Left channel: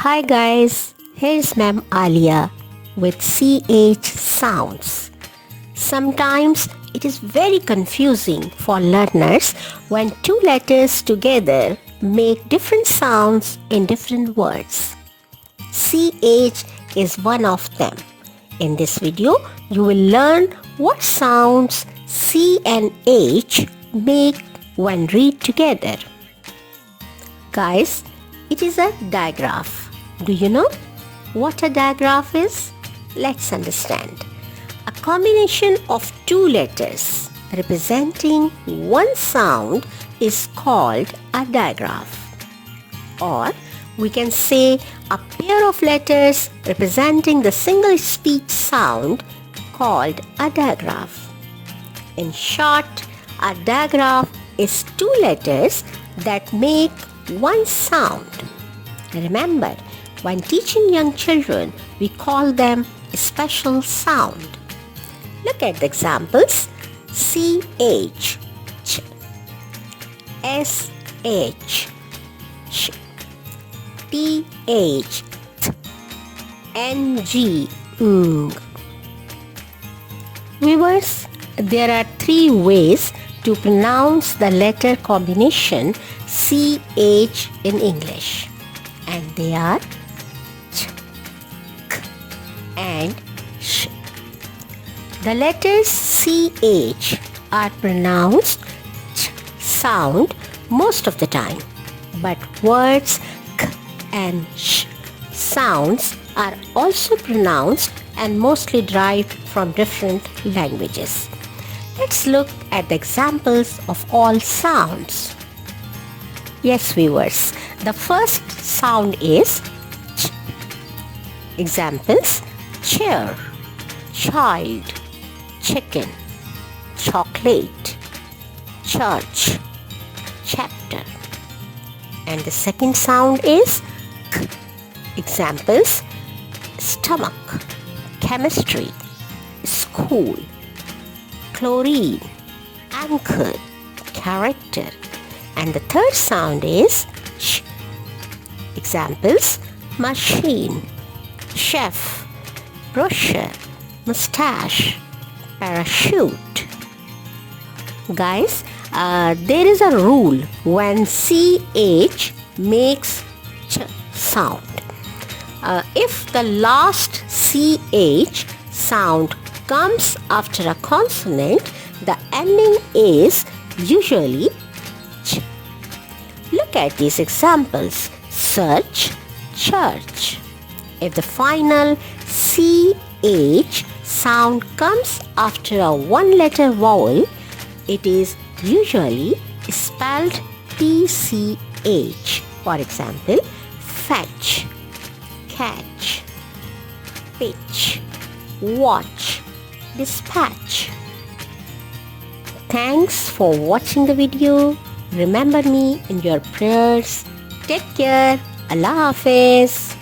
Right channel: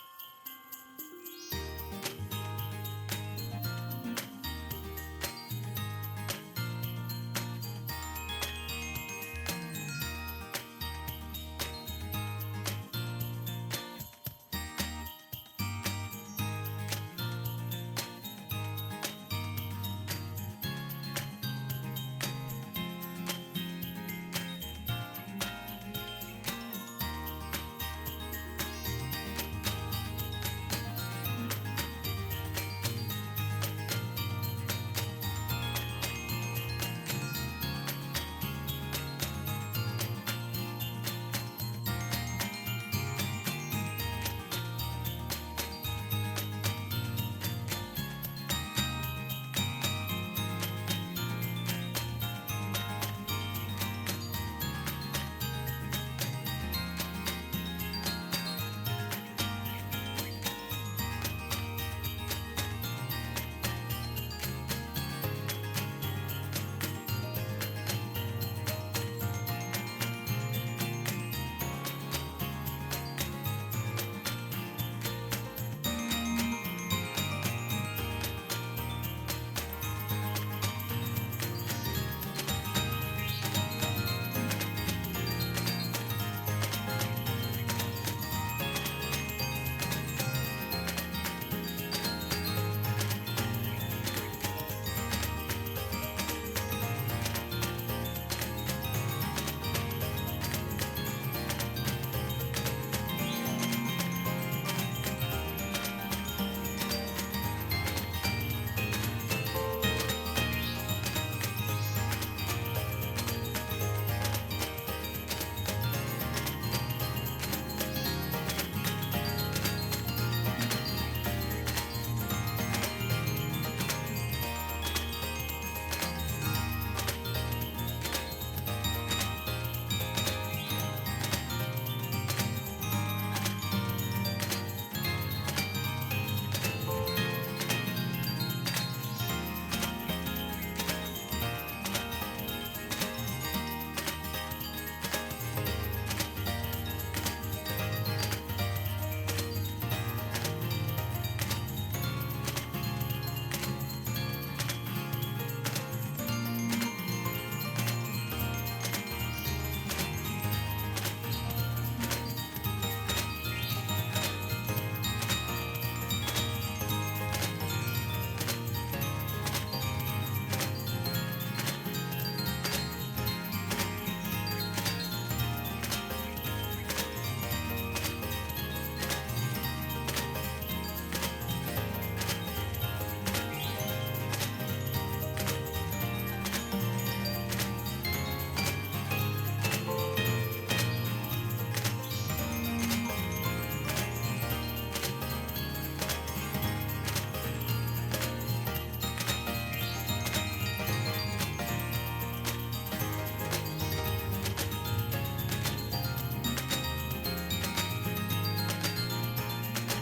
Hi guys, here's Ma'am Alia with CH sounds. Sometimes it is very confusing for learners when two letters together make different sounds in different words. CH is one of them. In this video, you will learn what sounds C and H make when read together. Guys, it is a digraph. Do you know what a digraph is? Let's understand. A combination of two letters representing one sound is called a digraph. Or we can say a pair of letters representing the single speech sound called a digraph. In short, a digraph is two letters that make one sound. Remember, when teaching young children, we call them special sound. Look at the examples. CH, ch, SH, ch, TH, th, NG, ng. Viewers, there are three ways to pronounce the letter combination CH in English, and they are ch, k, and sh. The letters CH are pronounced ch sound most of the time, but words k and sh sounds are also pronounced and mostly derived from different languages. Let's look at the examples of all sounds. Yes, viewers, the first sound is ch. Examples: chair, child, chicken, chocolate, church, chapter. And the second sound is k. Examples: stomach, chemistry, school, chlorine, anchor, character. And the third sound is ch. Examples: machine, chef, brochure, mustache, parachute. Guys, there is a rule when CH makes ch sound. If the last CH sound comes after a consonant, the ending is usually ch. Look at these examples: search, church. If the final CH sound comes after a one-letter vowel, it is usually spelled PCH. For example, fetch, catch, pitch, watch, dispatch. Thanks for watching the video. Remember me in your prayers. Take care. Allah Hafiz.